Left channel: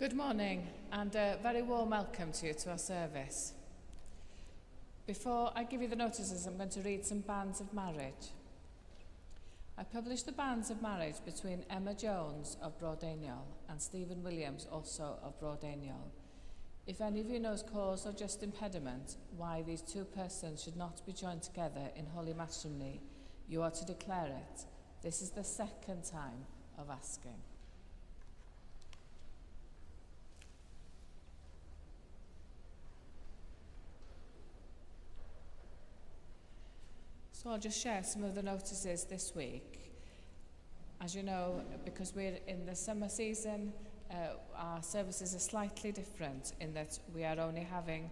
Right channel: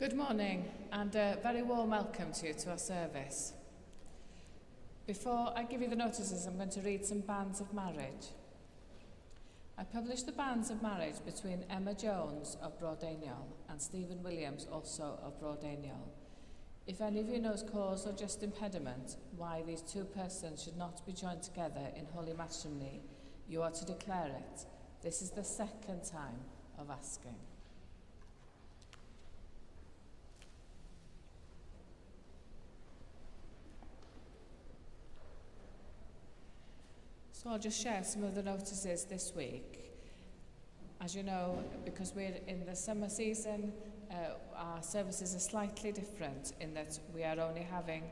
Good morning and a very warm welcome to you to our service. Before I give you the notices, I'm going to read some banns of marriage. I published the banns of marriage between Emma Jones of Broadeniol and Stephen Williams, also of Broadeniol. If any of you knows cause or just impediment why these two persons should not be joined together in holy matrimony, you are to declare it. This is the second time of asking. So I'll just share some of the notices this week. As you know, because we're in the summer season, our services are slightly different in that we are only having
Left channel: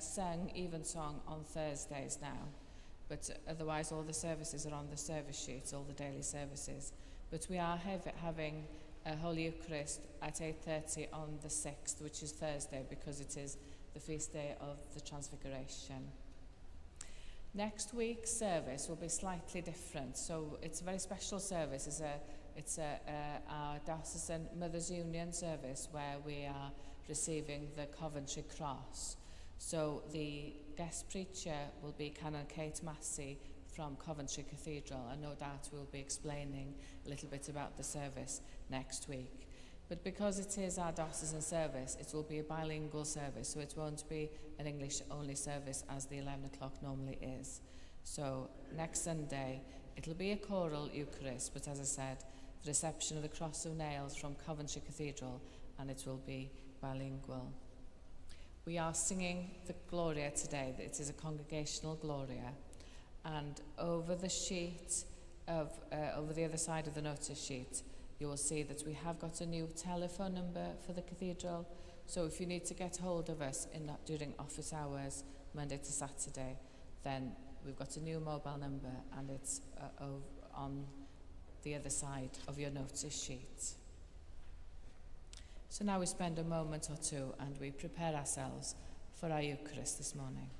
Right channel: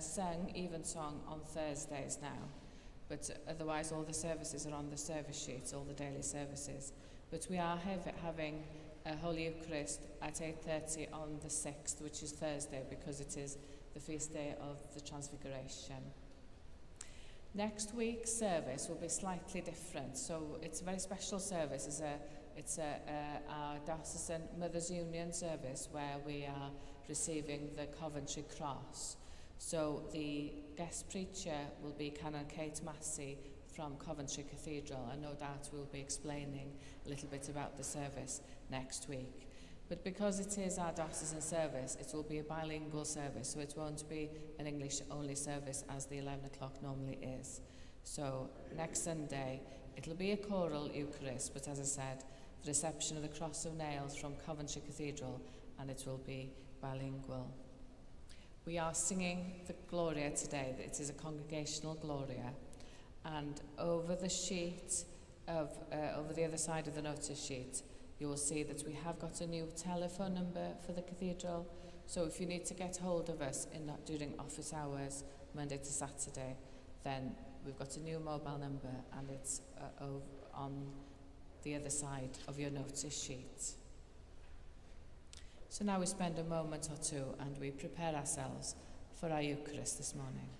sung evensong on Thursdays now. But otherwise all the services are on the service sheet, all the daily services. But we are having a Holy Eucharist at 8:30 on the 6th, which is Thursday, because it is the feast day of the Transfiguration. Next week's service will be slightly different, so it's a very special service. It's our Diocesan Mothers Union service where we are receiving the Coventry Cross. So the guest preacher will be Canon Kate Massey from Coventry Cathedral, and no doubt we'll be explaining a little bit about the service next week. But because it is our diocesan service, it will be a bilingual service, so it won't be an English-only service as the 11 o'clock normally is. So next Sunday, it'll be a choral Eucharist, but as I said, the reception of the Cross of Nails from Coventry Cathedral, and it will be bilingual. We are singing the Gloria today. It is a congregational Gloria, and over the sheet over the other side of the notice sheet, you will see that we have got a new telephone number for the cathedral. So if you need to get hold of us during office hours, Monday to Saturday, then we've got a new mobile number, and it's on the other side of your notice sheet. So now we spend a moment or two and we prepare ourselves for our Eucharist this morning.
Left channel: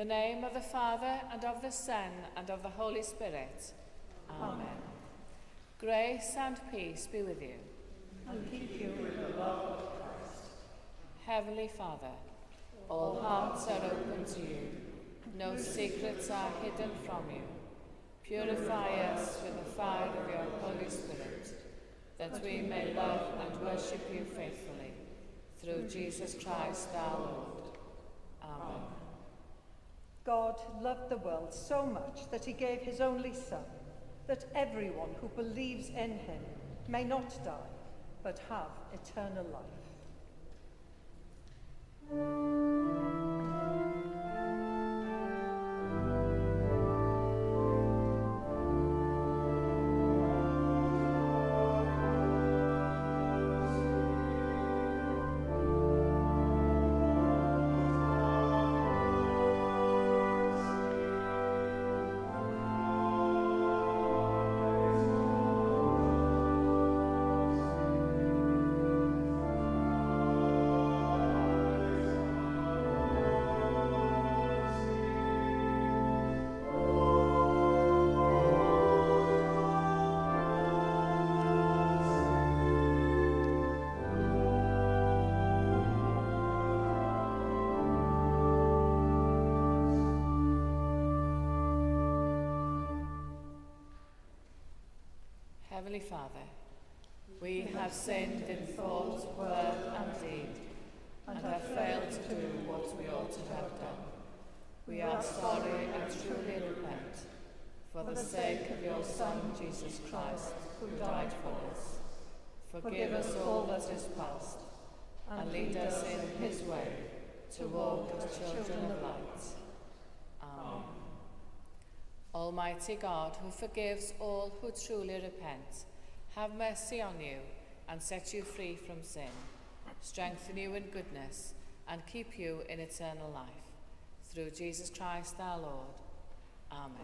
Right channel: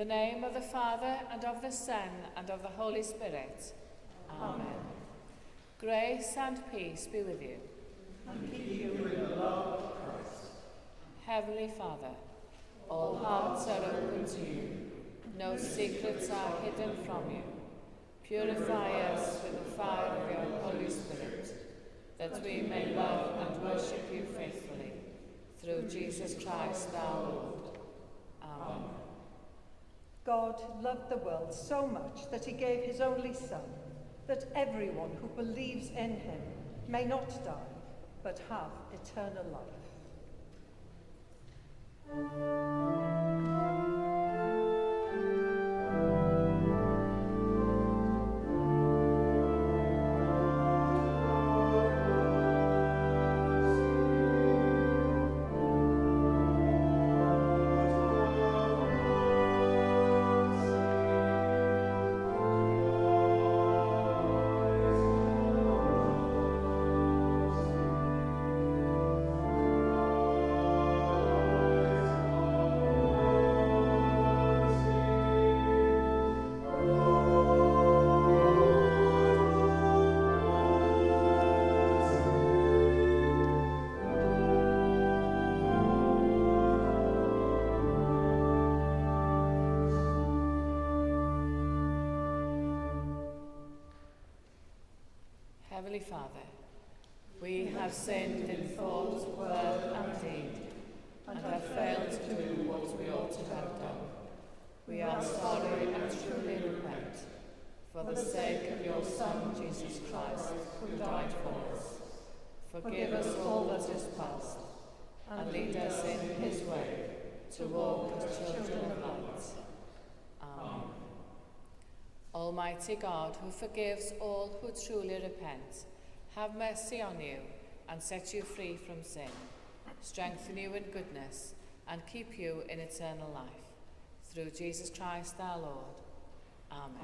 the name of the Father, and of the Son, and of the Holy Spirit. Amen. Grace and peace be with you. And keep you in the love of Christ. Heavenly Father, all hearts are open to you. No secrets are hidden from you. Purify us with the fire of your Holy Spirit, that we may love and worship you faithfully. Through Jesus Christ our Lord. Amen. God loved the world so much that he gave his only Son, that everyone who believes in him may not die, but have eternal life. Heavenly Father, we have sinned in thought, word and deed, and have failed to do what we ought to have done. We are sorry and truly repent, for the sake of your Son, Jesus Christ, who died for us. Forgive us all that is past, and lead us in his way, to walk as children of light. Amen. Almighty God, who forgives all who truly repent, have mercy on you and set you free from sin, strengthen you in goodness, and keep you in eternal life. Through Jesus Christ our Lord. Amen.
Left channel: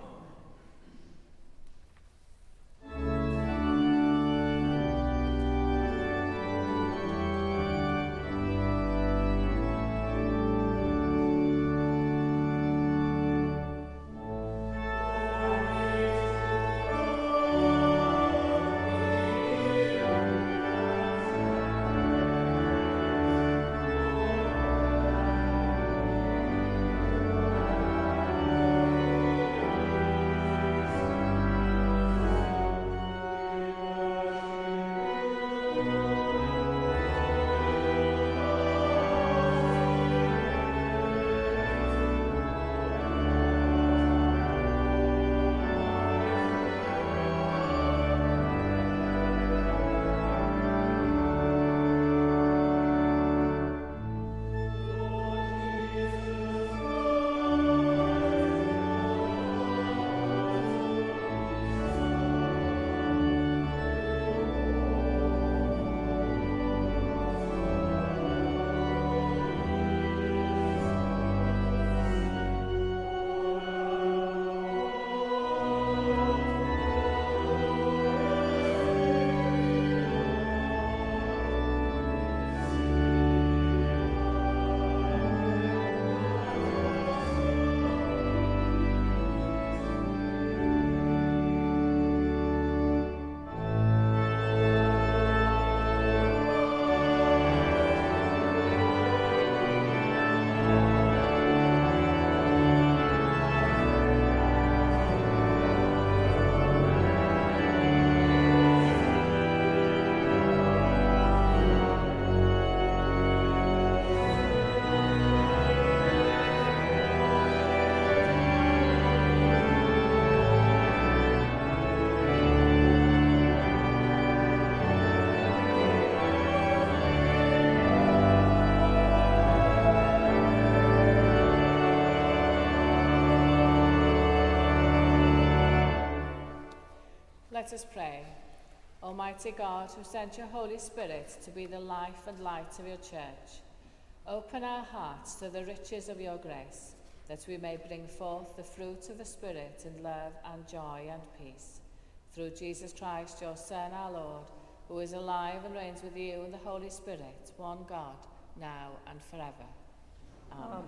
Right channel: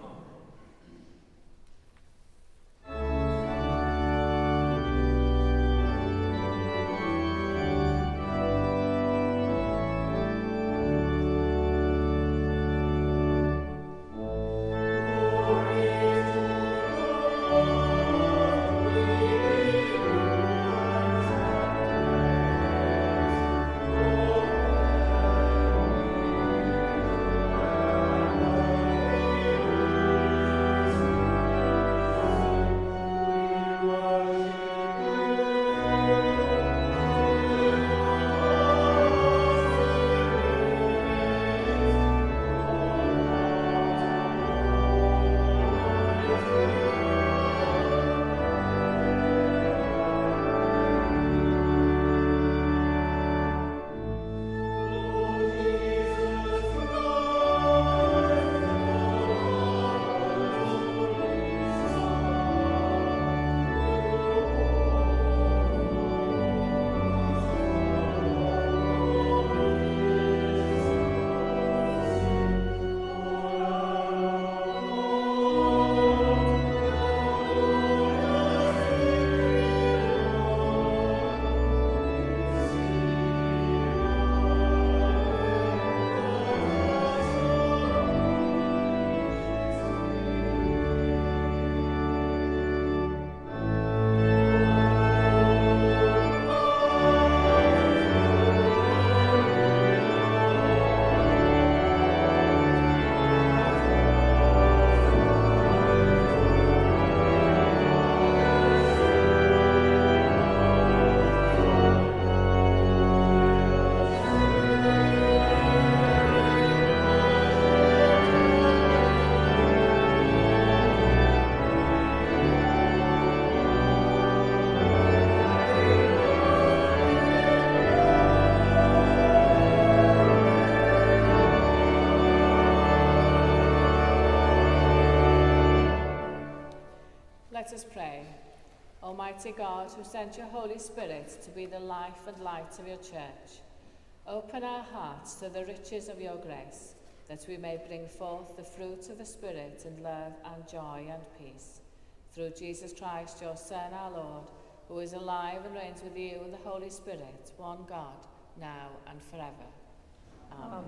Let us pray. Almighty God, who sent your Holy Spirit to be the life and light of your church, open our hearts to the riches of your grace, that we may bring forth the fruit of the Spirit in love and joy and peace. Through Jesus Christ, your Son, our Lord, who is alive and reigns with you in the Holy Spirit, one God, now and forever. Amen.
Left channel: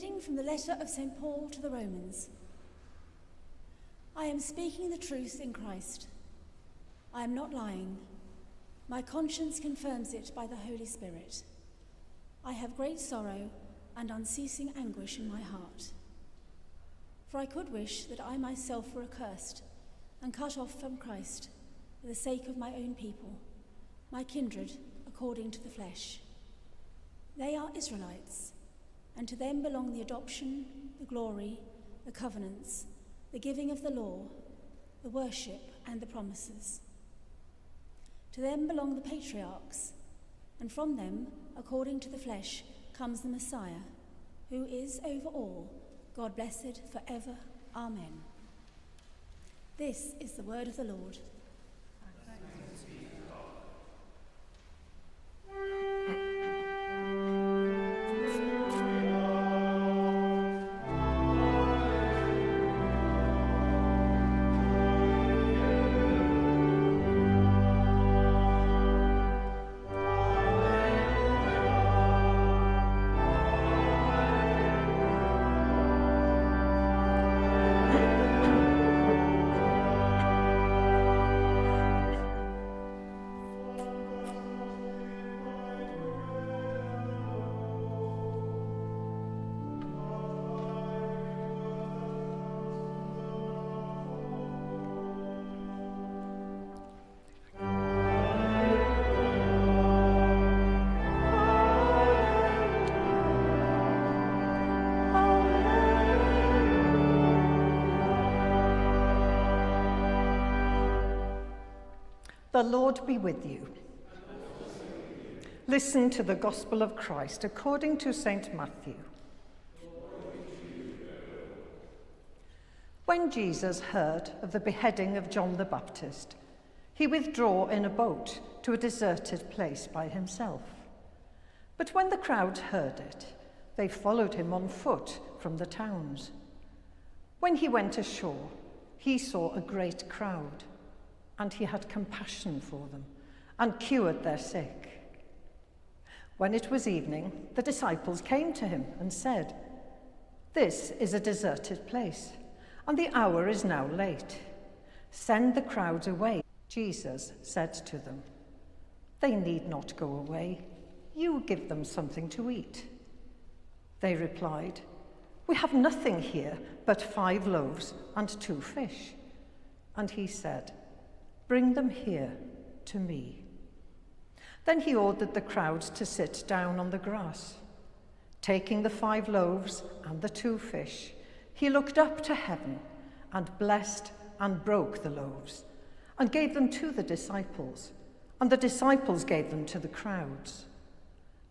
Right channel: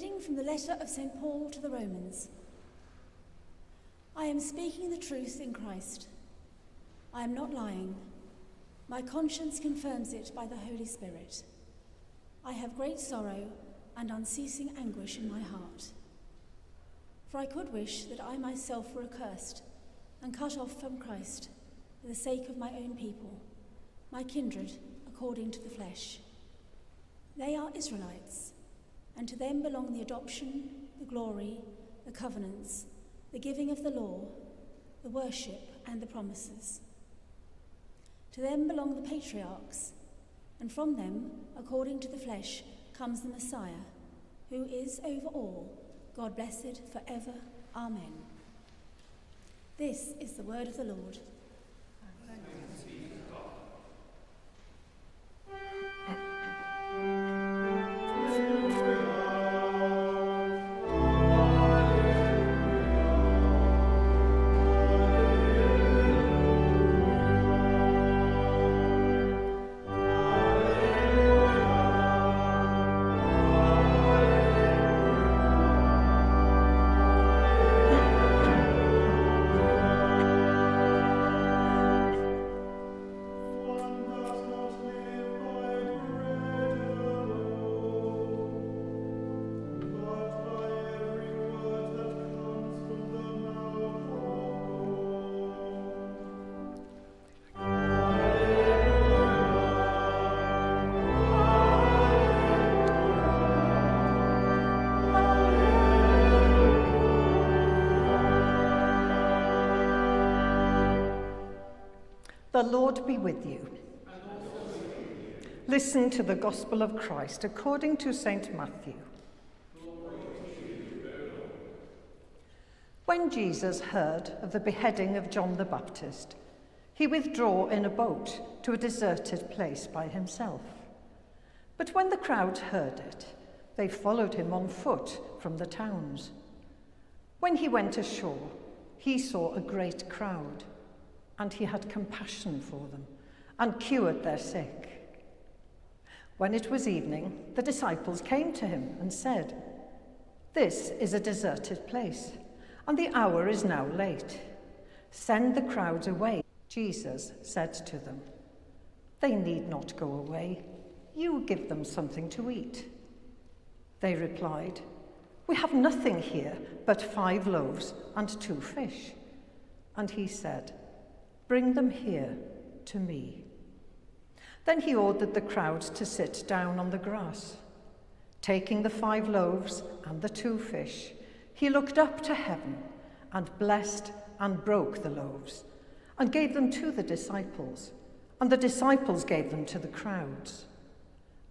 reading from the letter of St. Paul to the Romans. I am speaking the truth in Christ. I am not lying. My conscience confirms it by the Holy Spirit. I have great sorrow and unceasing anguish in my heart. For I could wish that I myself were accursed and cut off from Christ for the sake of my own people, my kindred according to the flesh. They are Israelites, and to them belong the adoption, the glory, the covenants, the giving of the law, the worship, and the promises. To them belong the patriarchs, and from them, according to the flesh, comes the Messiah, who is over all, God blessed forever. Amen. This is the word of the Lord. The Lord be with you. Listen to the Gospel of Christ according to St. Matthew. When Jesus heard of the beheading of John the Baptist, he withdrew in a boat to a deserted place by himself. But when the crowd heard it, they followed him on foot from the towns. When he went ashore, he saw a great crowd, and he had compassion for them and cured their sick. When it was evening, the disciples came to him and said, "This is a deserted place, and the hour is now late. Send the crowds away." Jesus said to them, "They need not go away. You give them something to eat." They replied, "We have nothing here but 5 loaves and 2 fish." And he said, "Bring them here to me." Then he ordered the crowds to sit down on the grass. Taking the 5 loaves and the 2 fish, he looked up to heaven and blessed and broke the loaves and gave them to the disciples, and the disciples gave them to the crowds.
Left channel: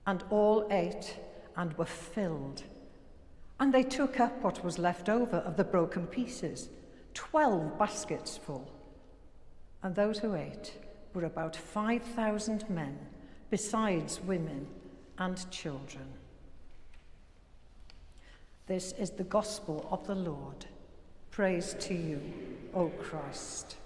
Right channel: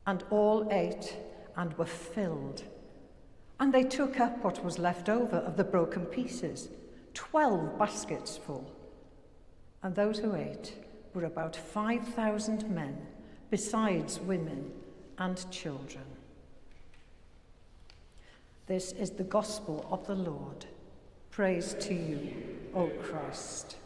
And all ate and were filled. And they took up what was left over of the broken pieces, 12 baskets full. And those who ate were about 5,000 men, besides women and children. This is the gospel of the Lord. Praise to you, O Christ.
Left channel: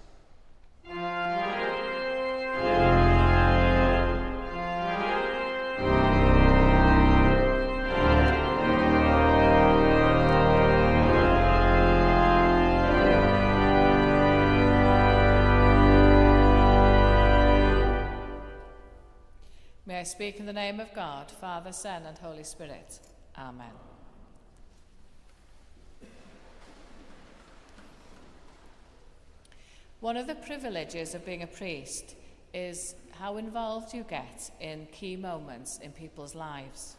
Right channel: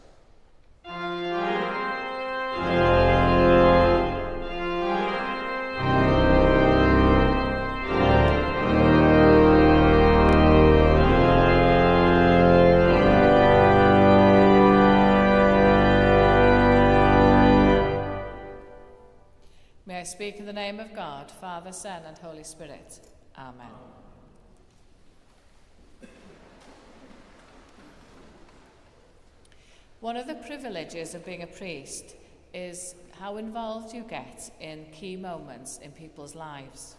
May I speak in the name of God, Father, Son, and Holy Spirit. Amen. One of the privileges of being a priest is how involved you get in key moments in people's lives.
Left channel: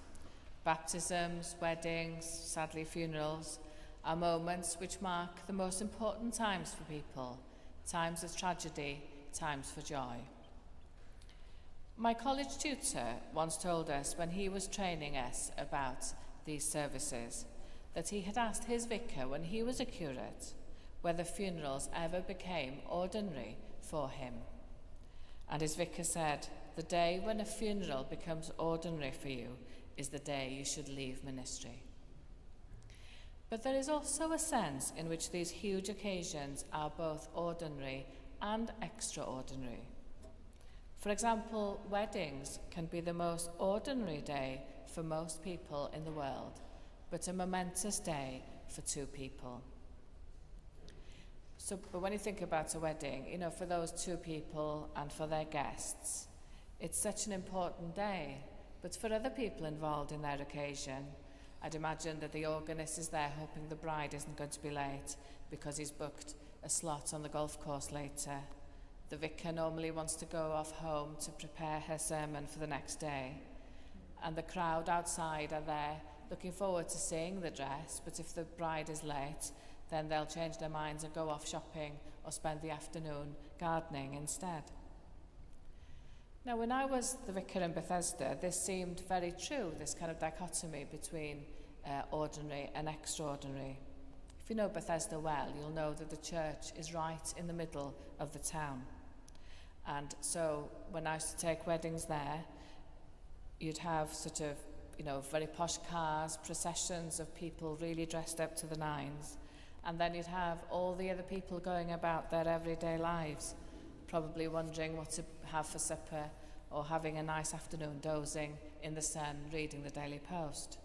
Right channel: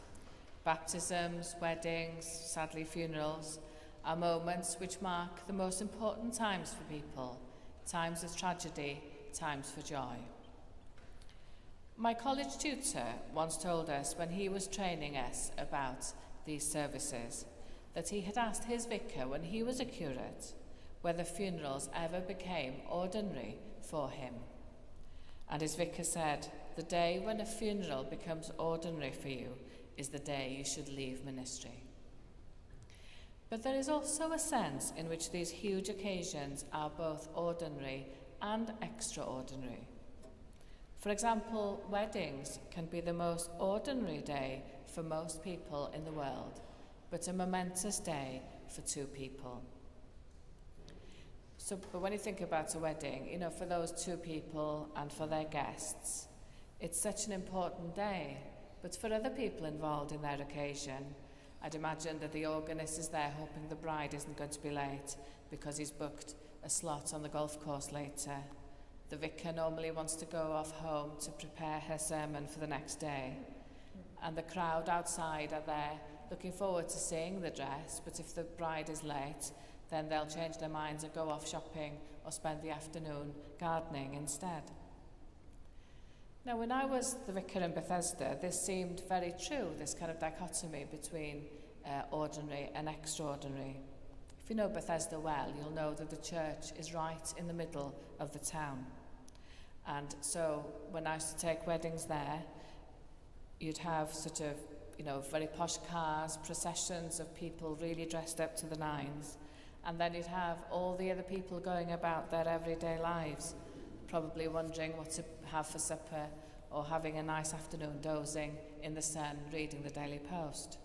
Baptisms, weddings, sadly funerals, are moments which mark the most important times for people, times of tragedy, times for joy. My college tutor once told us when he was training us about these services that he had asked his vicar when he was a curate whether funerals ever became ordinary for him. And his vicar said, "The day when a funeral becomes ordinary for you is the day you should leave ministry." But there is also a sense in which these huge occasions are both ordinary and extraordinary. For example, weddings can be the most ordinary day for most people in the world, but a momentous day for two people. But when you think about a wedding, for those two people and for their guests, it's such an important day. But for other people involved in their occasion, I'd imagine that the organist is there hoping the bride isn't going to be late because he's booked a slot on the golf course later. The vicar normally wants to go off home to prepare her sermon for the next day. And the crowd outside are there looking forward to seeing the dress, but if the bride is late, then they'll change their minds and go off shopping or spend the afternoon gardening instead. Now, when I was the vicar in Bethesda, this seemed very true, this kind of dichotomy between ordinary and extraordinary. If you know Bethesda well, you'll know that the church is right in the middle of the town. And so when I used to take weddings there, you'd have sort of, very posh cars, processions of people really dressed up to the nines. And then you'd have all the other people going about their everyday lives, probably wondering what to have for supper or having a nice afternoon dozing in the sun, reading the Daily Post.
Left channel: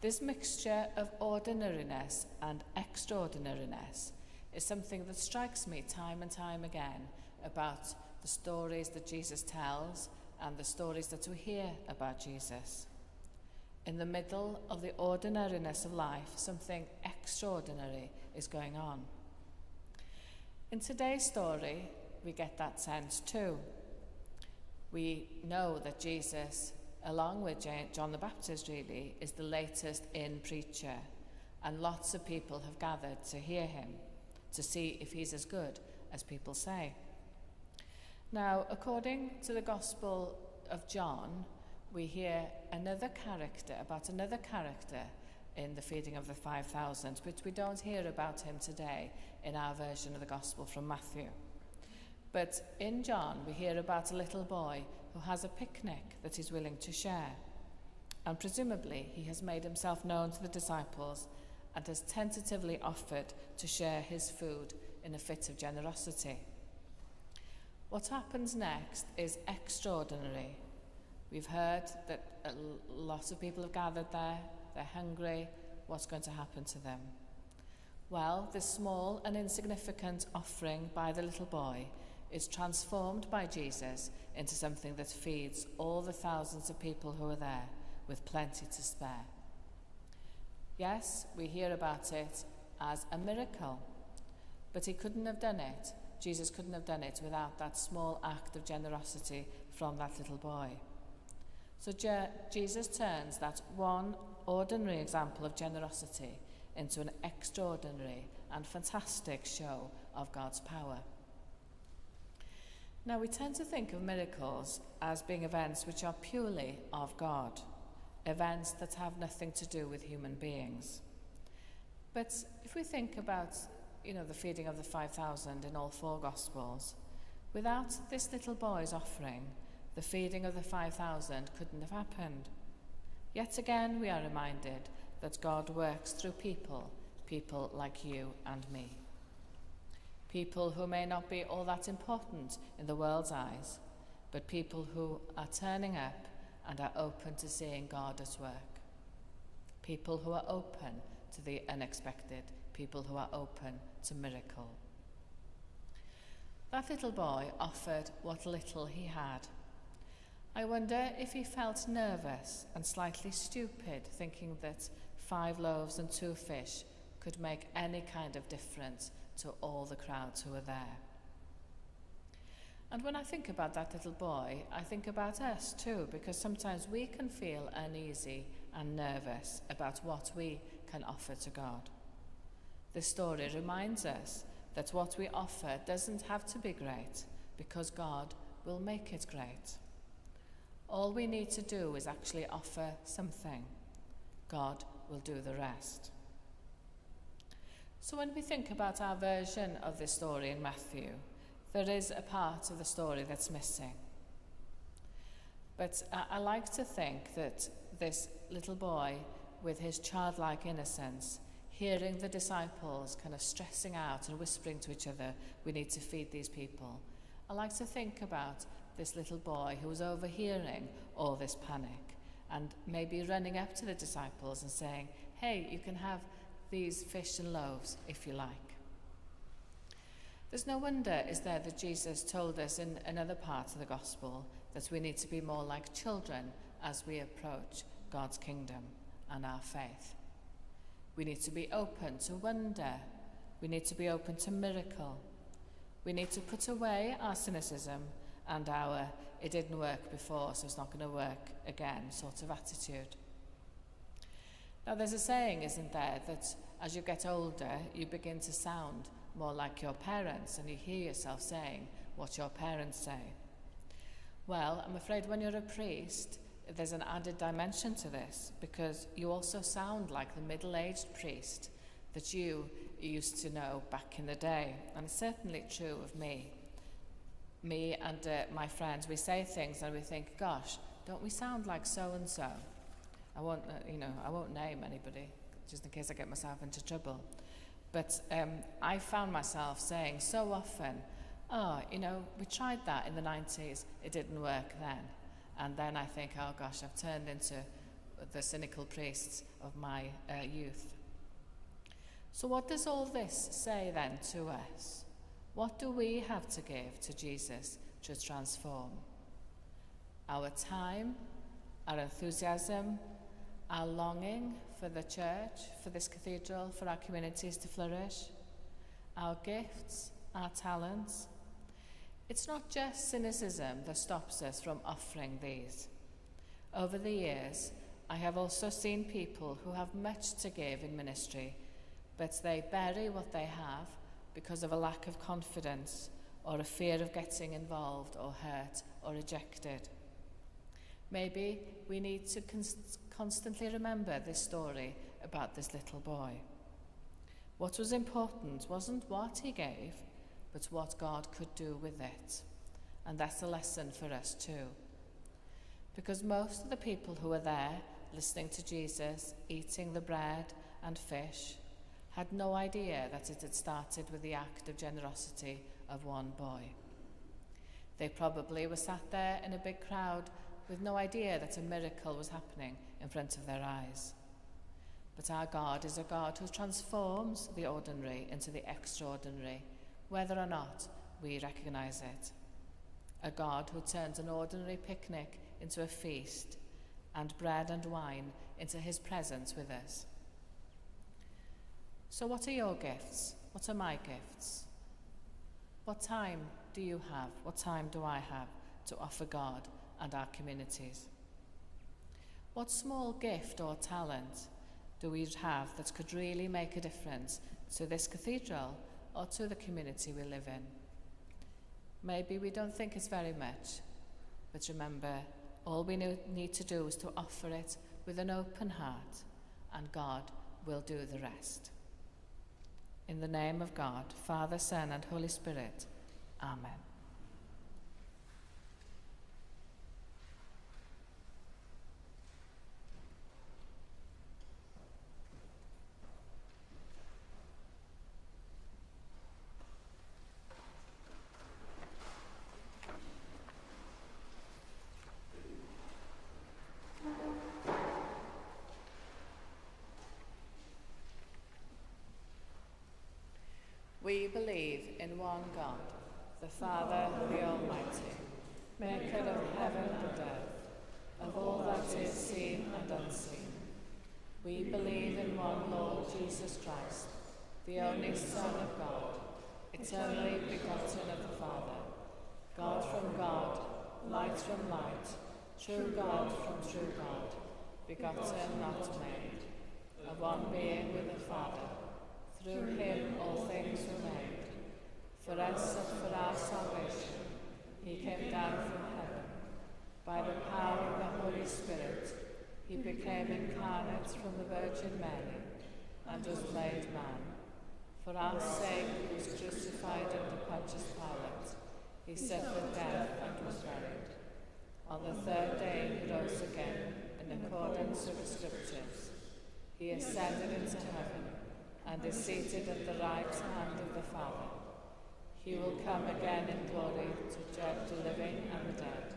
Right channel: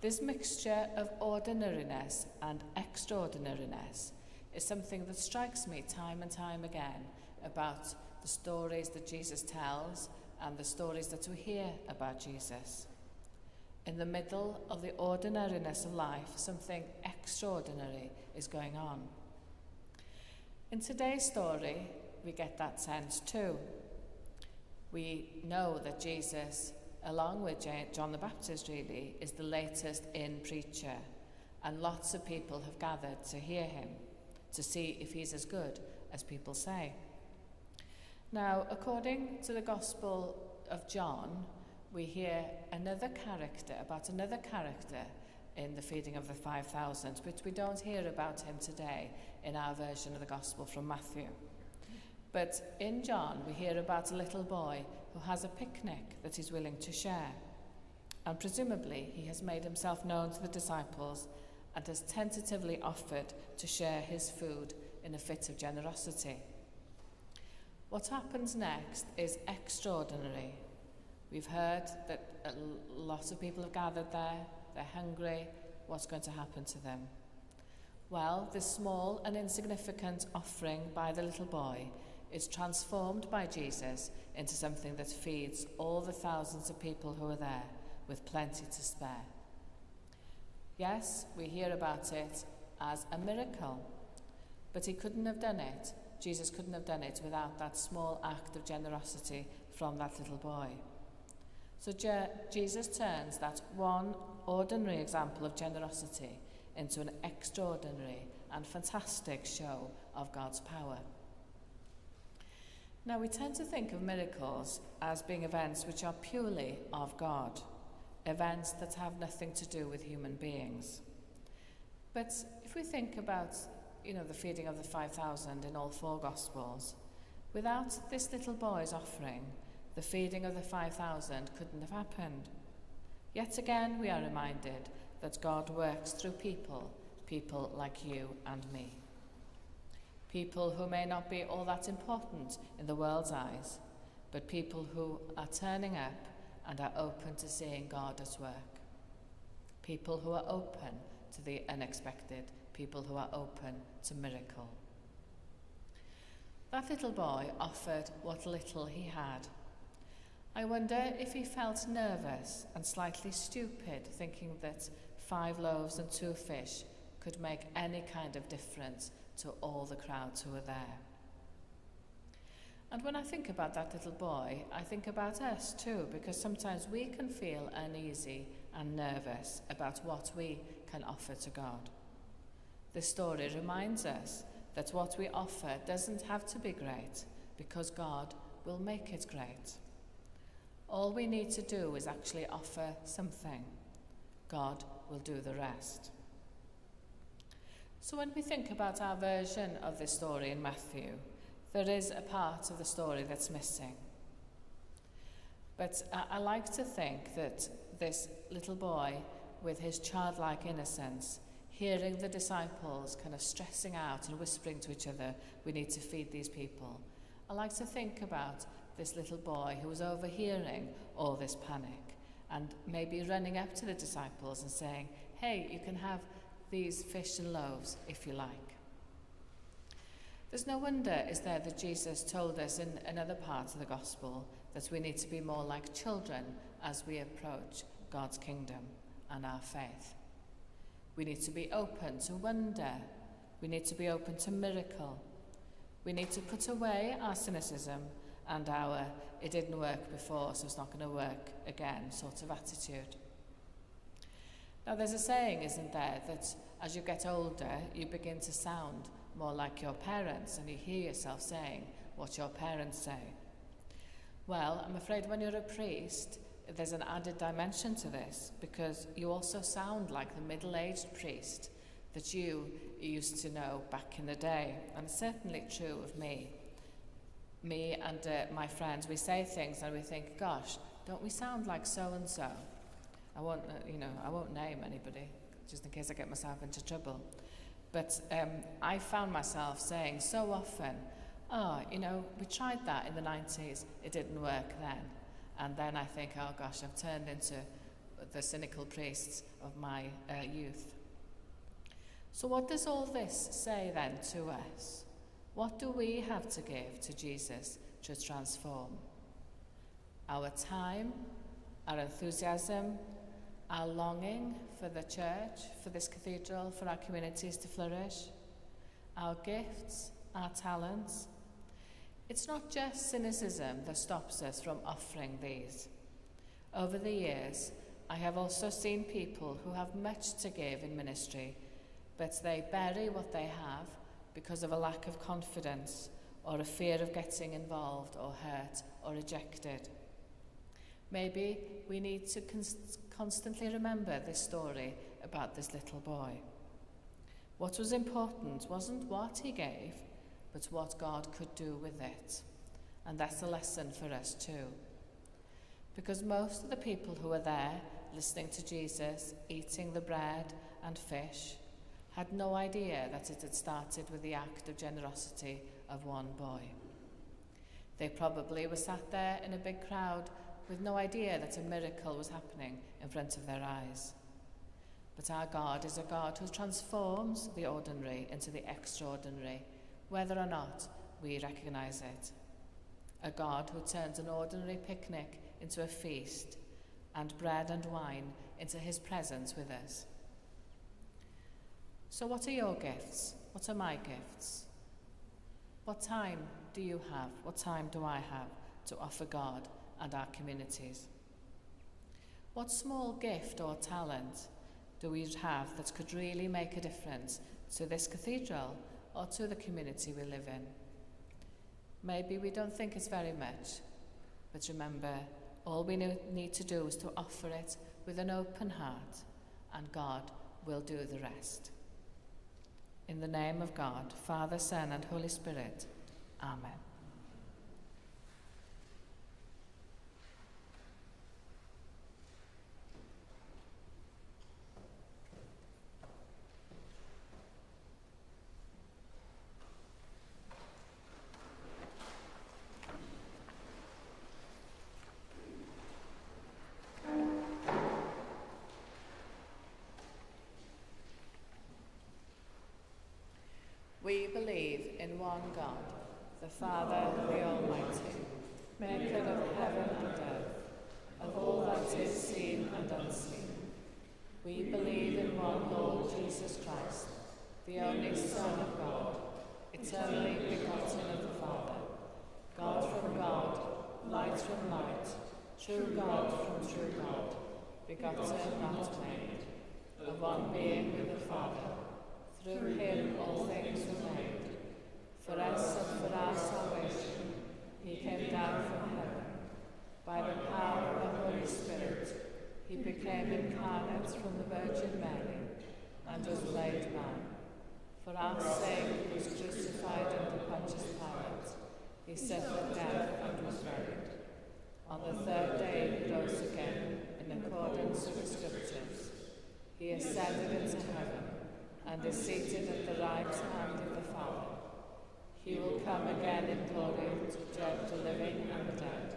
This mixture of ordinariness and extraordinariness is something that strikes me time and time again about the stories that Jesus tells and the stories that we hear about Jesus. In the middle of the ordinariness of life, something extraordinary is going on. In today's story, we get that sense too. We know that Jesus, along with John the Baptist really, is the latest in preacher, and lots of people have gathered to hear him, to see if he's as good as people say. Now, according to the Gospel of John, we hear about another character in the feeding of the 5,000, but we don't hear about him today in our version of the Gospel from Matthew. But in John, we hear about a little boy who has a picnic that he's willing to share. And presumably, he has made himself known to the disciples and has tentatively offered to share his food in a fit of generosity. What happens next is extraordinary. We've heard that a lot of people have gathered there, they're hungry. What's going to happen to them? Well, this small and insignificant offering by the little boy is transformed by Jesus into something that feeds all the thousands of people who are there with plenty to spare. Yes, we hear about it as a miracle, but he couldn't have done it. Jesus couldn't have done it without that small act of generosity from that little boy. So Jesus turns that one ordinary example of generosity into an extraordinary and fantastic show of God's power. Now, we tend to think of miracles as being events which are purely of God, events that have nothing to do with human beings. But if we think about, the feeding of the 5,000 in all four Gospels, without this little boy's offering, the feeding of the 5,000 couldn't have happened. Yet again, we are reminded that God works through people like you and me. People who may not be all that important in the world's eyes, but people who are turning up and are open to seeing God at work. People who are open to the unexpected, people who are open to miracle. That little boy offered what little he had. I wonder if he felt nervous and slightly stupid, thinking that 5 loaves and 2 fish could make any kind of difference to all the crowds who were there. And when I think about that little boy, I think about us too, because sometimes we can feel uneasy and nervous about what we can offer to God. This story reminds us that what we offer doesn't have to be great, because God will make it great. All we need to do is actually offer something. God will do the rest. So when we think about our version of this story in Matthew, there is a part of the story that's missing. But I like to think that this little boy, with his childlike innocence, hearing the disciples kind of stressing out and whispering to each other, we need to feed these people. I like to think about this little boy who was overhearing all this panic and maybe running up to the disciples and saying, hey, you can have these fish and loaves if you like. There's no wonder, is there, that Jesus told us in another part of the gospel that we need to be more like children as we approach God's kingdom and our faith. We need to be open to wonder. We need to be open to miracle. We need to put away our cynicism and our it didn't work before, so it's not going to work again sort of attitude. Now there's a saying, isn't there, that as you get older, you begin to sound more like your parents and you hear yourself saying what your parents say. Well, I'm afraid when you're a priest, there's an added dimension to this, because you also sound like the middle-aged priest that you used to know back in the day. And it's certainly true of me. Me and my friends, we say things and we think, gosh, don't we sound like so-and-so? I won't name anybody, just in case I get myself into trouble. But I found myself saying so often, we tried that in the 90s, it didn't work then. And then I think, oh gosh, I've turned into the cynical priests of my youth. So what does all this say then to us? What do we have to give to Jesus to transform? Our time, our enthusiasm, our longing for the church, for this cathedral, for our communities to flourish, our gifts, our talents. It's not just cynicism that stops us from offering these. Over the years, I have also seen people who have much to give in ministry, but they bury what they have because of a lack of confidence or a fear of getting involved or hurt or rejected. Maybe we need to constantly remember this story about this little boy. What was important wasn't what he gave, but what God could do with it. And that's a lesson for us too. Because most of the people who were there, listening to Jesus, eating the bread and fish, had no idea that it had started with the act of generosity of one boy. They probably were sat there in a big crowd with no idea that a miracle was happening in front of their eyes. But our God is a God who transforms the ordinary into the extraordinary, whether or not we recognize it. A God who turns an ordinary picnic into a feast and bread and wine into his presence with us. So what are your gifts? What are my gifts? What time do you have? What time do I have to offer God and our communities? What small gift or talent do we have that could really make a difference to this cathedral or to the community we live in? Maybe we don't think it's very much, but remember, all we need to do is to offer it with an open heart, and God will do the rest. In the name of God, Father, Son, and Holy Spirit, Amen. We believe in one God, the Father, the Almighty, maker of heaven and earth, of all that is seen and unseen. We believe in one Lord Jesus Christ, the only Son of God, eternally begotten of the Father, God from God, light from light, true God from true God, begotten, not made, of one being with the Father. Through him all things were made. For us and for our salvation, he came down from heaven. By the power of the Holy Spirit, he became incarnate from the Virgin Mary and was made man. For our sake, he was crucified under Pontius Pilate. He suffered death and was buried. On the third day, he rose again in accordance with the Scriptures. He ascended into heaven and is seated at the right hand of the Father. He will come again in glory to judge the living and the dead,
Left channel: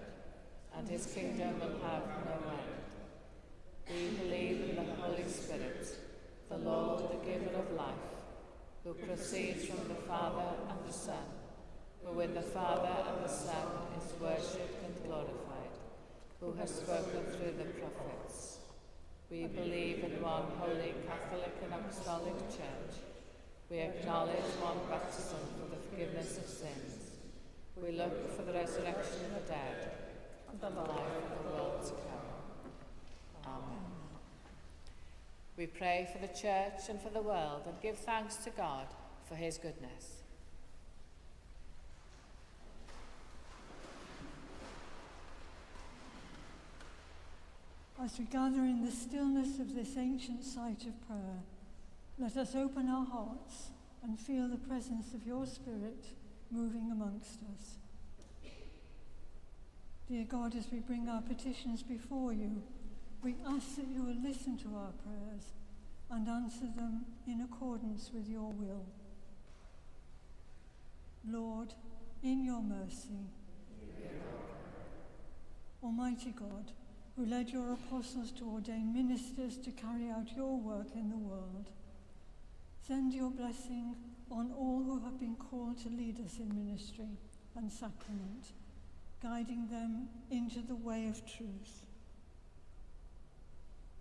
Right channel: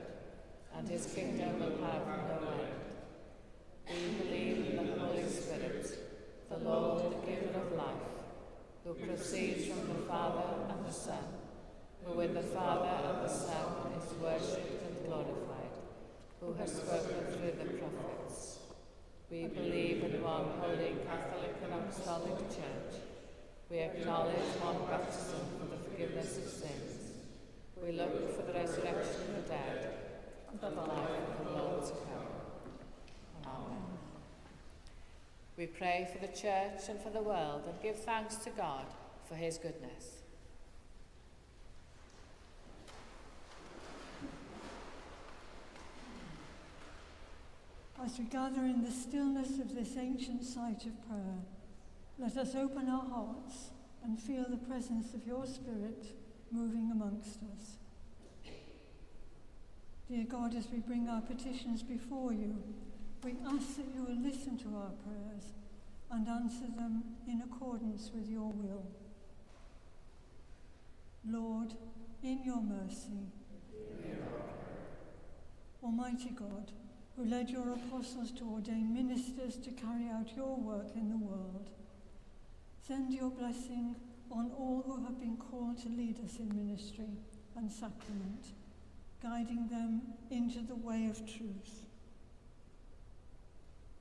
and his kingdom will have no end. We believe in the Holy Spirit, the Lord, the giver of life, who proceeds from the Father and the Son, who with the Father and the Son is worshipped and glorified, who has spoken through the prophets. We believe in one holy Catholic and Apostolic Church. We acknowledge one baptism for the forgiveness of sins. We look for the resurrection of the dead and the life of the world to come. Amen. We pray for the Church and for the world and give thanks to God for his goodness. As we gather in the stillness of this ancient site of prayer, let us open our hearts and feel the presence of your Spirit moving amongst us. Dear God, as we bring our petitions before you, we ask that you will listen to our prayers and answer them in accordance with your will. Lord, in your mercy, Almighty God, who led your apostles to ordain ministers to carry out your work in the world, send your blessing on all who have been called to lead us in ministry and sacrament, guiding them into the way of truth.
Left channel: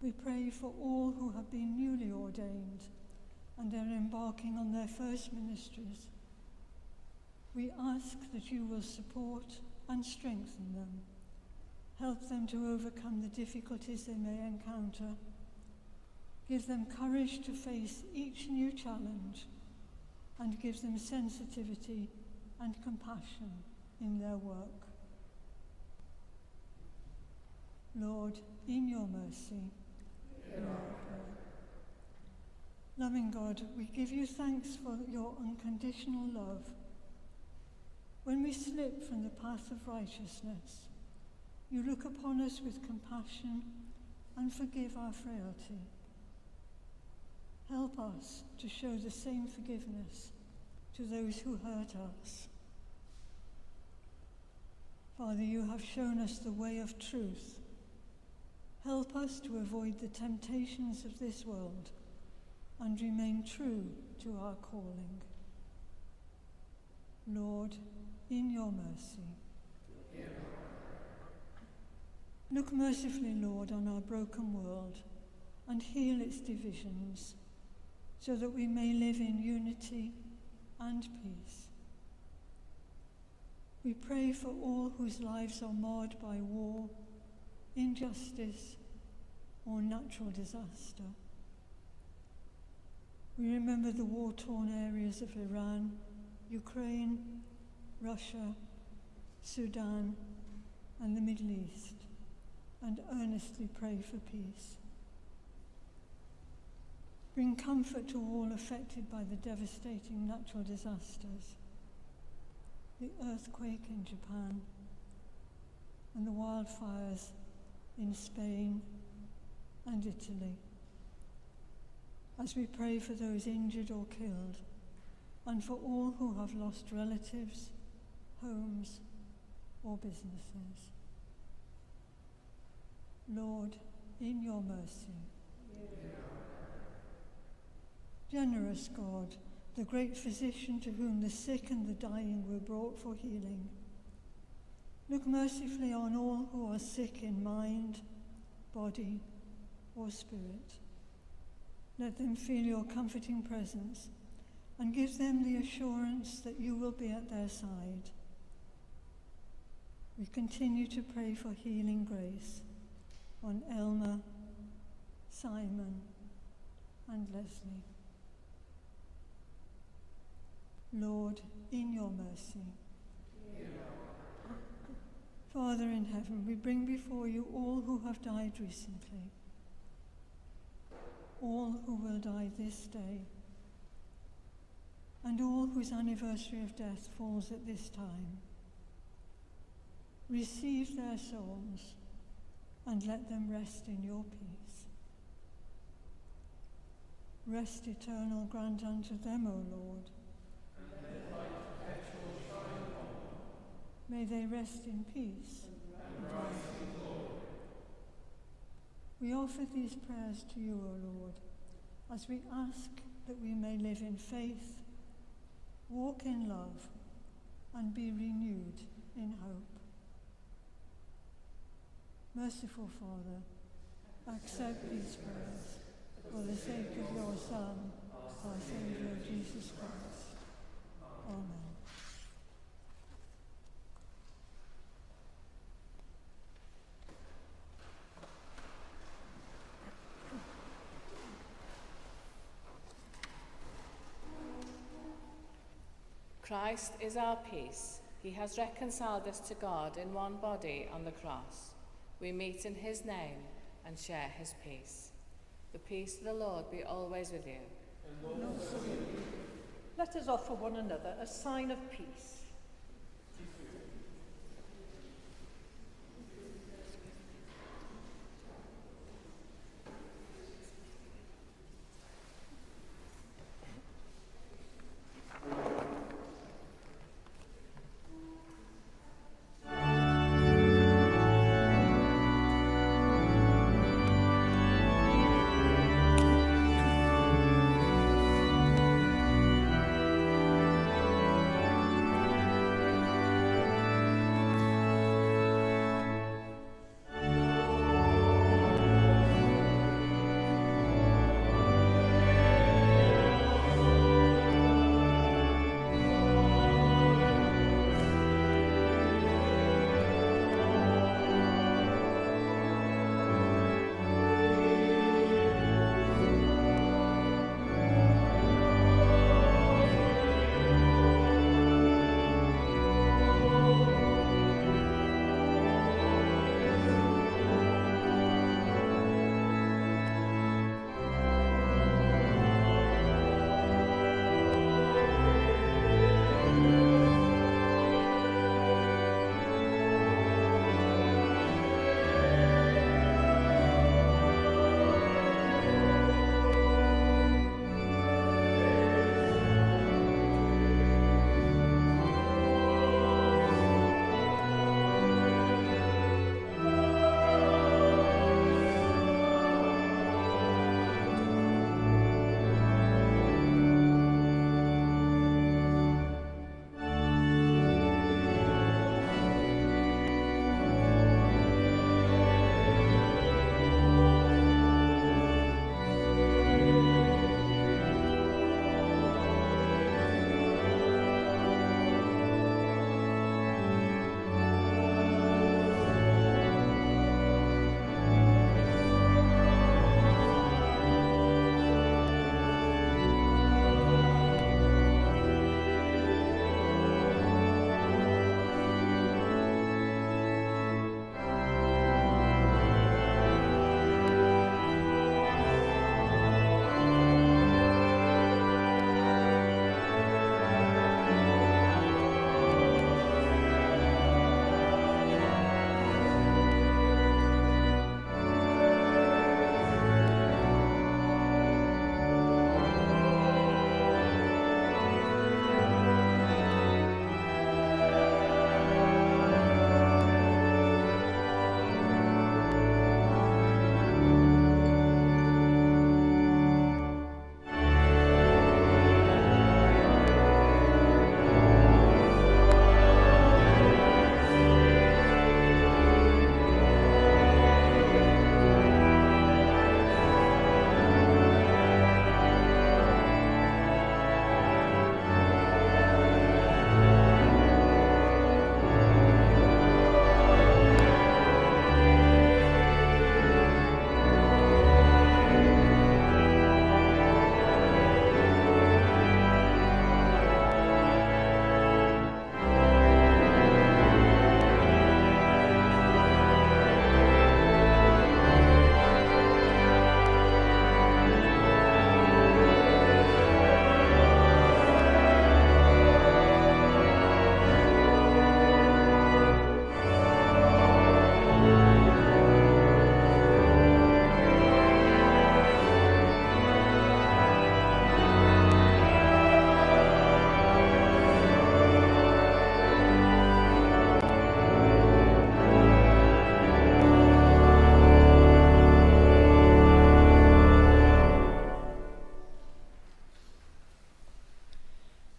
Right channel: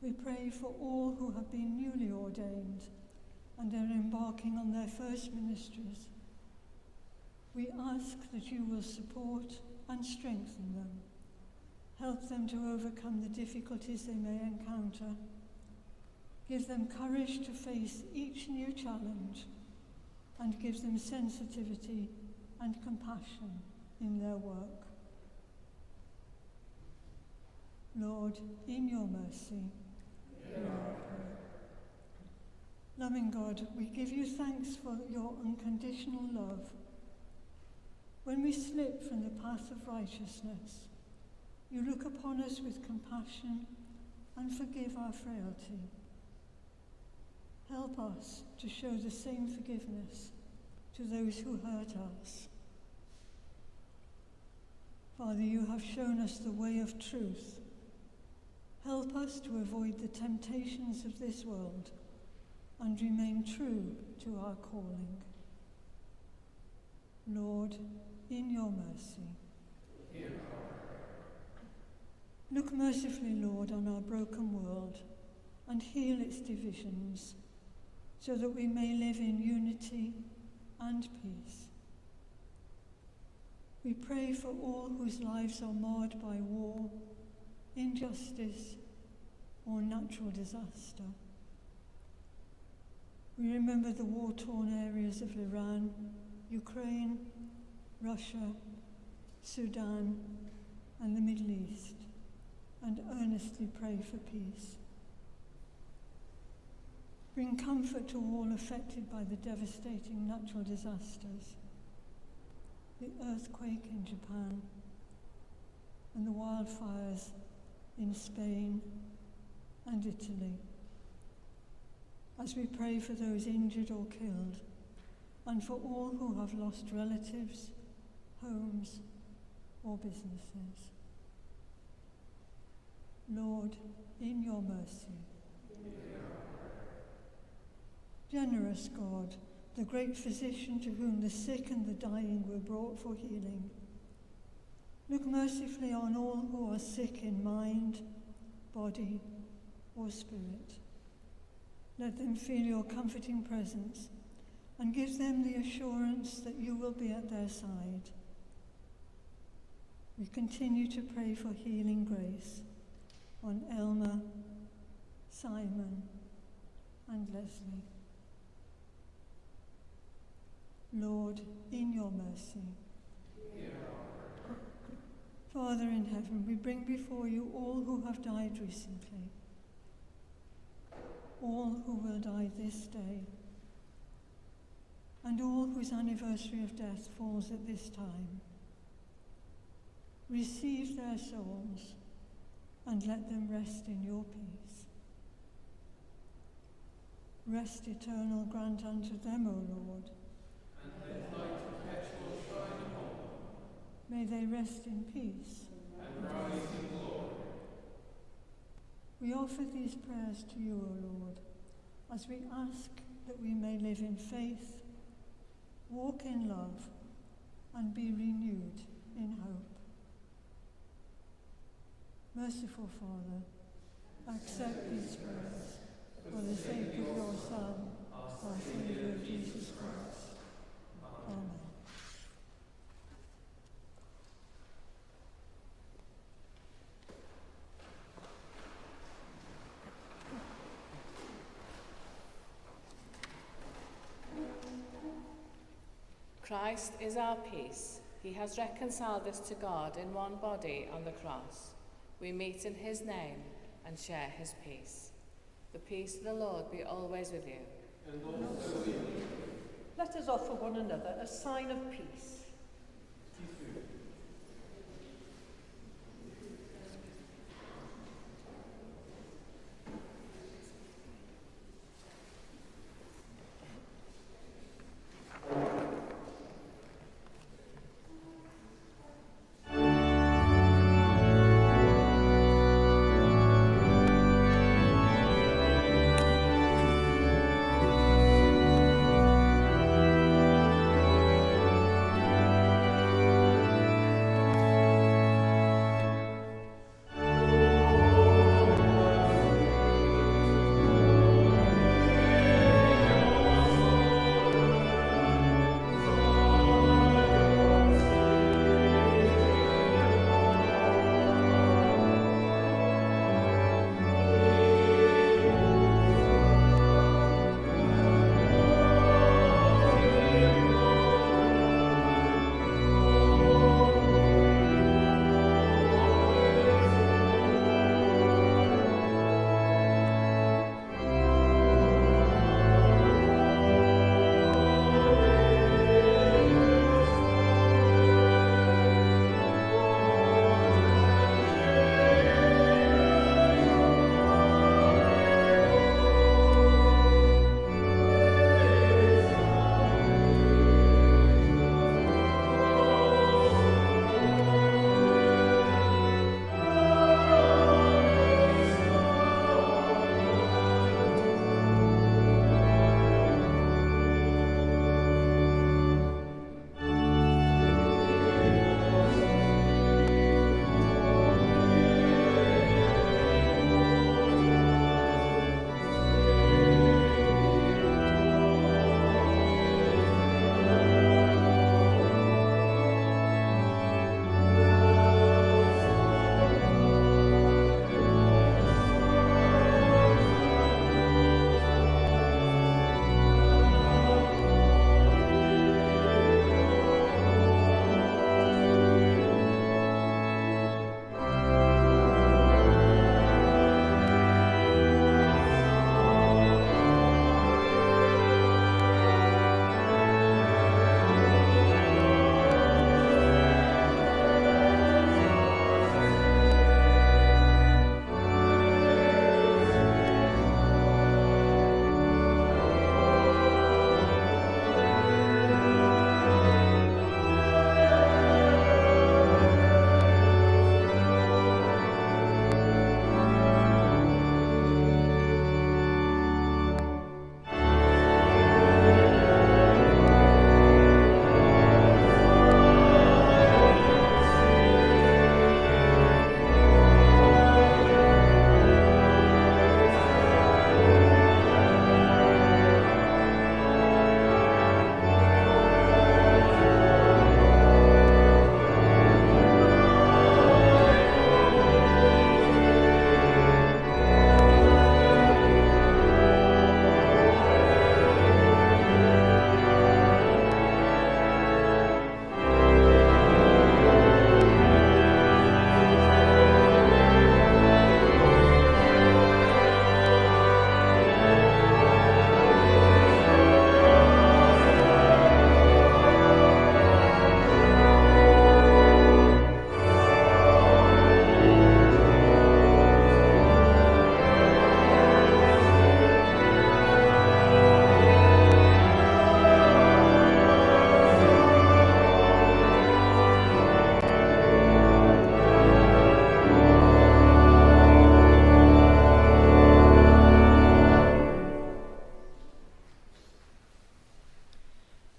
We pray for all who have been newly ordained and are embarking on their first ministries. We ask that you will support and strengthen them, help them to overcome the difficulties they may encounter, give them courage to face each new challenge, and give them sensitivity and compassion in their work. Lord, in your mercy, hear our prayer. Loving God, we give you thanks for your unconditional love. When we slip from the path of righteousness, you look upon us with compassion and forgive our frailty. Help us to show the same forgiveness to those who hurt us. Father, you have shown us the way of truth. Help us to avoid the temptations of this world and remain true to our calling. Lord, in your mercy. Look mercifully, Lord, on our broken world and heal its divisions, so that we may live in unity and peace. We pray for all whose lives are marred by war, injustice, or natural disaster. We remember the war-torn areas of Iran, Ukraine, Russia, Sudan, and the Middle East, and earnestly pray for peace. Bring comfort to all affected by the devastating natural disasters, the earthquake in Japan, and the wildfires in Spain and Italy, as we pray for those injured or killed, and for all who have lost relatives, homes, or businesses. Lord, in your mercy. Generous God, the great physician to whom the sick and the dying were brought for healing, look mercifully on all who are sick in mind, body, or spirit. Let them feel your comforting presence and give them the assurance that you will be at their side. We continue to pray for healing grace on Elmer, Simon, and Leslie. Lord, in your mercy. Father in heaven, we bring before you all who have died recently, all who will die this day, and all whose anniversary of death falls at this time. Receive their souls and let them rest in your peace. Rest eternal grant unto them, O Lord. And let light perpetual shine upon them. May they rest in peace. And rise in glory. We offer these prayers to you, O Lord, as we ask that we may live in faith, walk in love, and be renewed in hope. Merciful Father, accept these prayers for the sake of your Son, our Saviour Jesus Christ. Amen. Christ is our peace. He has reconciled us to God in one body on the cross. We meet in his name and share his peace. The peace of the Lord be always with you. And also with you. Let us offer one another a sign of peace.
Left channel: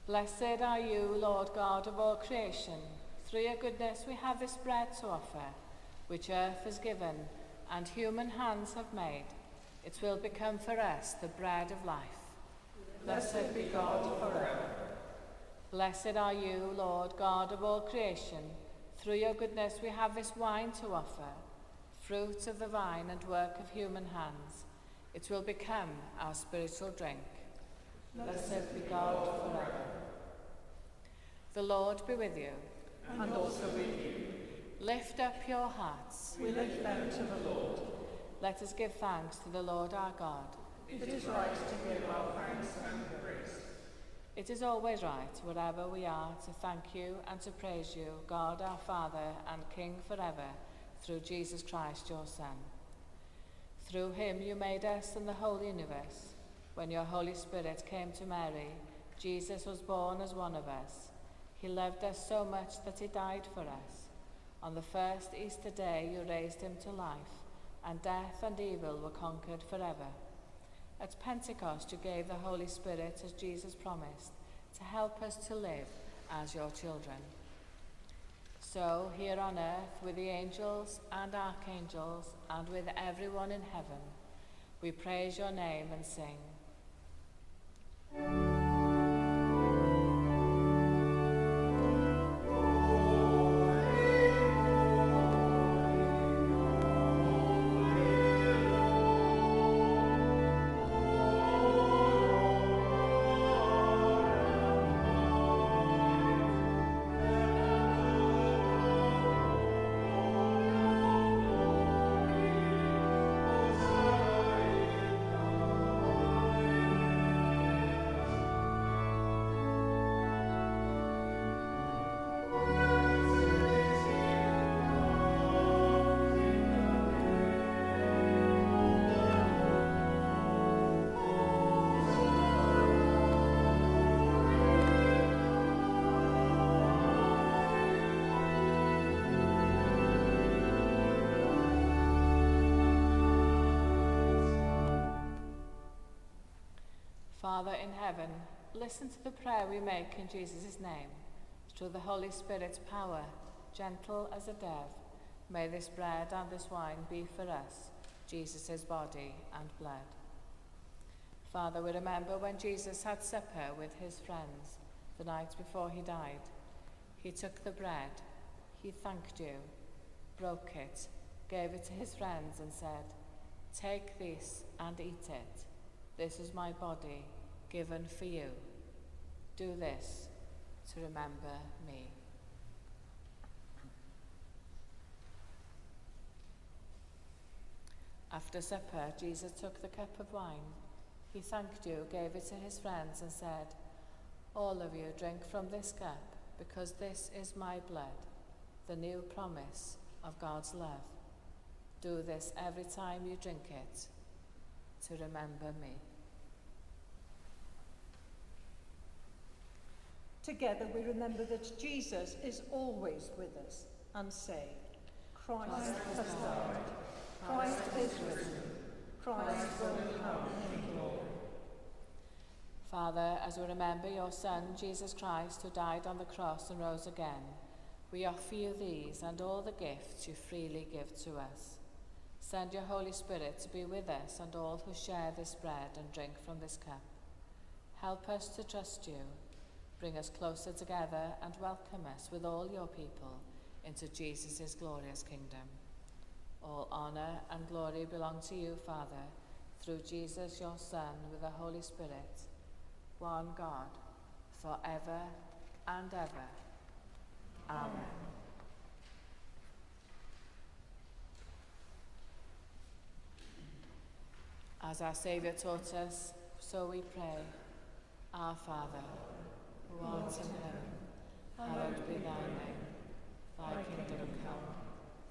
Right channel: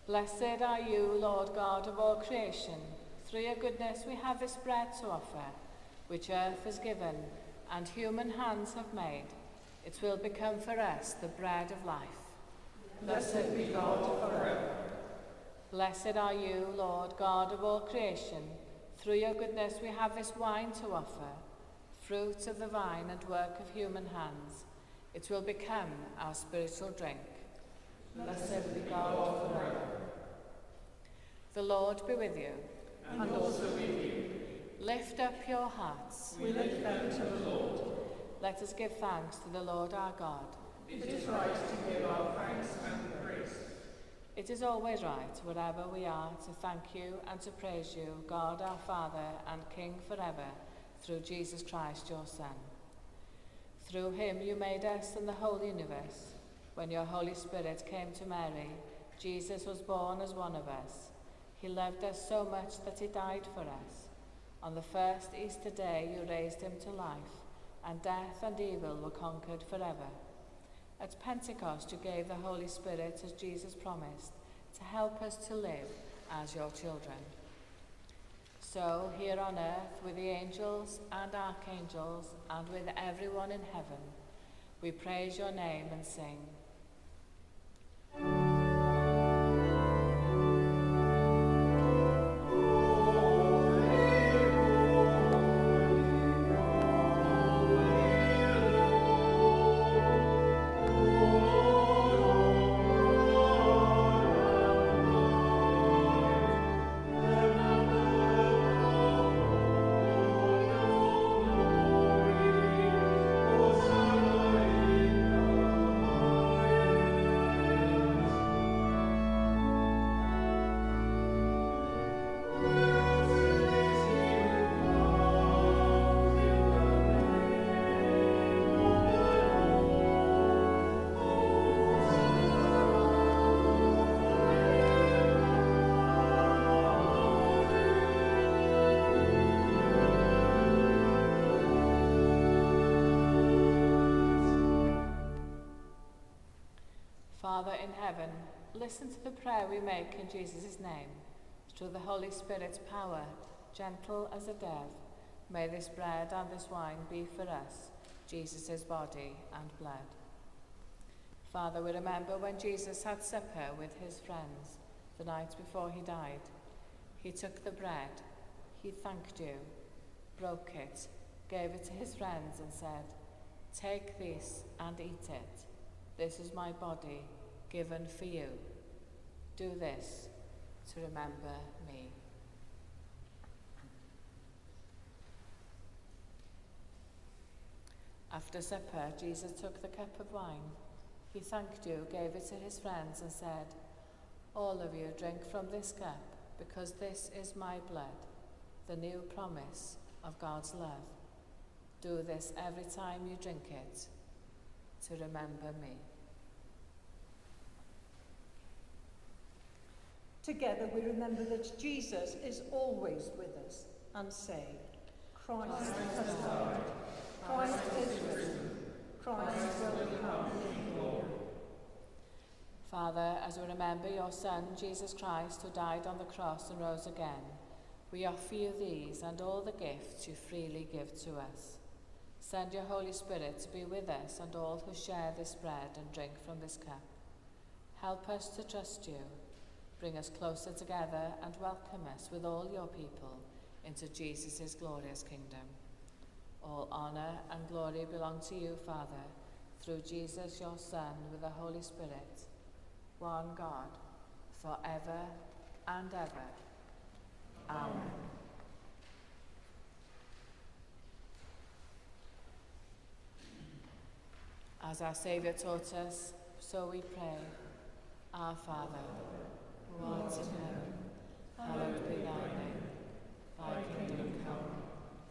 Blessed are you, Lord God of all creation. Through your goodness we have this bread to offer, which earth has given and human hands have made. It will become for us the bread of life. Blessed be God forever. Blessed are you, Lord God of all creation. Through your goodness we have this wine to offer, fruit of the vine and work of human hands. It will become our spiritual drink. Blessed be God forever. The Lord be with you. And also with you. Lift up your hearts. We lift them to the Lord. Let us give thanks to the Lord our God. It is right to give our thanks and praise. It is always right, wherever we are, to thank you and to praise you, God our Father and King forever, through Jesus Christ your Son. Through him you made us and the whole universe. When your Holy Spirit came to Mary, Jesus was born as one of us. He loved us so much that he died for us. On the first Easter day you raised him to life, and death and evil were conquered forever. At Pentecost you gave the Holy Spirit as Jesus promised, to help us to live as your children. So here on earth, with the angels and archangels, and with everyone in heaven, we praise your name and sing. Father in heaven, listen to the prayer we make in Jesus' name. Through the Holy Spirit's power, gentle as a dove, may this bread and this wine be for us, Jesus' body and blood. Father, we remember when Jesus had supper with his friends the night before he died. He took the bread, he thanked you, broke it, gave it to his friends and said, "Take this and eat it. This is my body given for you. Do this to remember me." After supper, Jesus took the cup of wine. He thanked you, gave it to his friends and said, "All of you drink from this cup, because this is my blood, the new promise of God's love. Do this every time you drink it to remember me." Together we remember that Jesus is always with us and say, Christ has died, Christ is risen, Christ will come in glory. Father, as we remember your Son, Jesus Christ, who died on the cross and rose again, we offer you these and all the gifts you freely give to us. Send your Holy Spirit to be with us and all who share this bread and drink from this cup. Help us to trust you. Bring us closer together and welcome us with all your people into Jesus' glorious kingdom. All honor and glory belong to you, Father, through Jesus, your Son, with the Holy Spirit, one God, forever and ever. Amen. As our Saviour taught us, so we pray. Our Father, who art in heaven, hallowed be thy name. Thy kingdom come,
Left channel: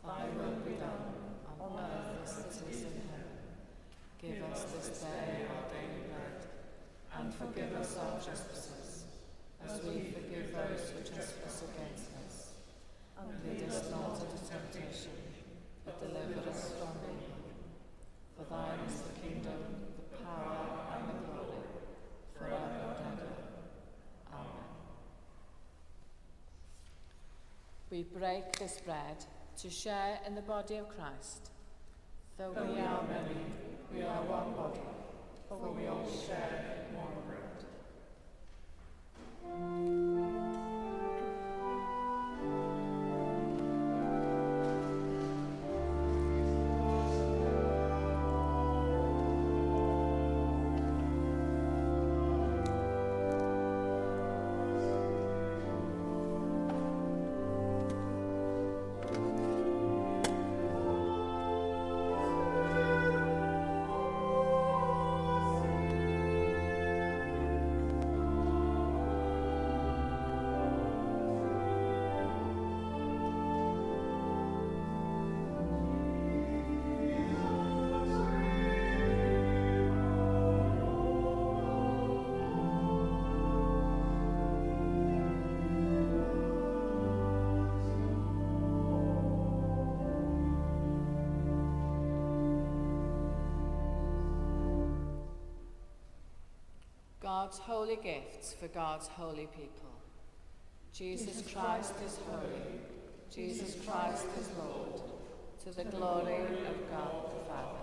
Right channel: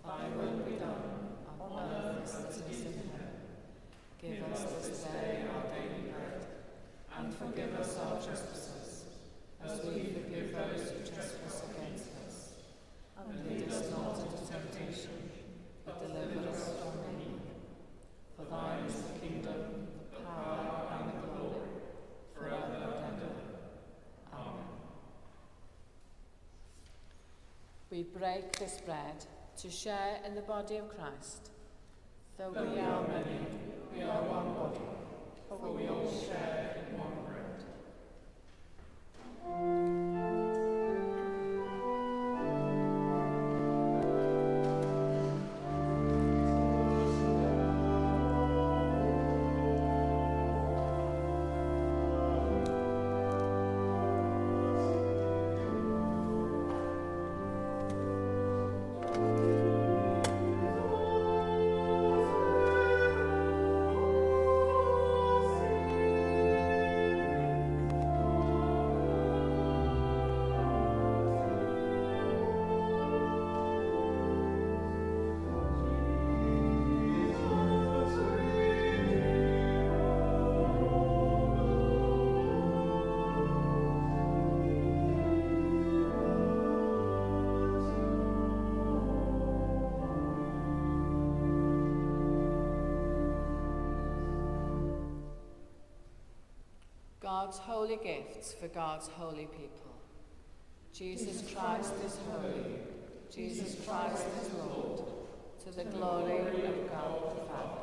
thy will be done, on earth as it is in heaven. Give us this day our daily bread, and forgive us our trespasses, as we forgive those who trespass against us. And lead us not into temptation, but deliver us from evil. For thine is the kingdom, the power, and the glory, forever and ever. Amen. we break this bread to share in the body of Christ. Though we are many, we are one body, for we all share in one bread. God's holy gifts for God's holy people. Jesus Christ is holy. Jesus Christ is Lord, to the glory of God the Father.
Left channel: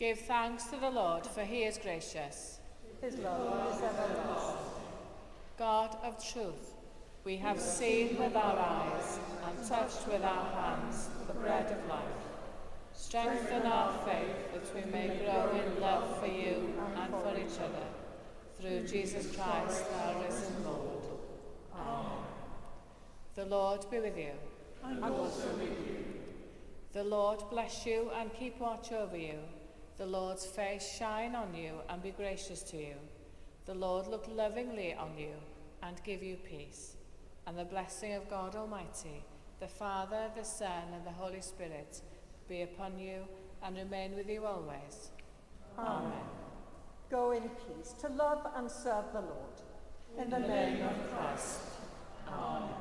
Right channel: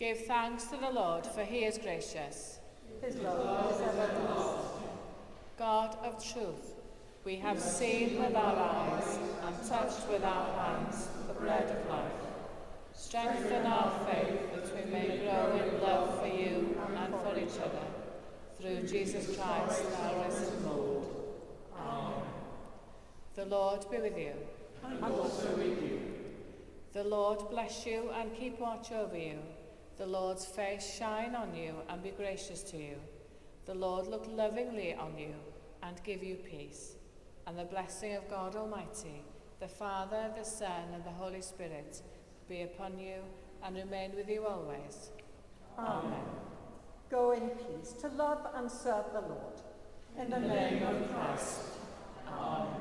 Give thanks to the Lord, for he is gracious. His love is everlasting. God of truth, we have seen with our eyes and touched with our hands the bread of life. Strengthen our faith that we may grow in love for you and for each other. Through Jesus Christ, our risen Lord. Amen. The Lord be with you. And also with you. The Lord bless you and keep watch over you. The Lord's face shine on you and be gracious to you. The Lord look lovingly on you and give you peace. And the blessing of God Almighty, the Father, the Son, and the Holy Spirit be upon you and remain with you always. Amen. Go in peace to love and serve the Lord. In the name of Christ. Amen.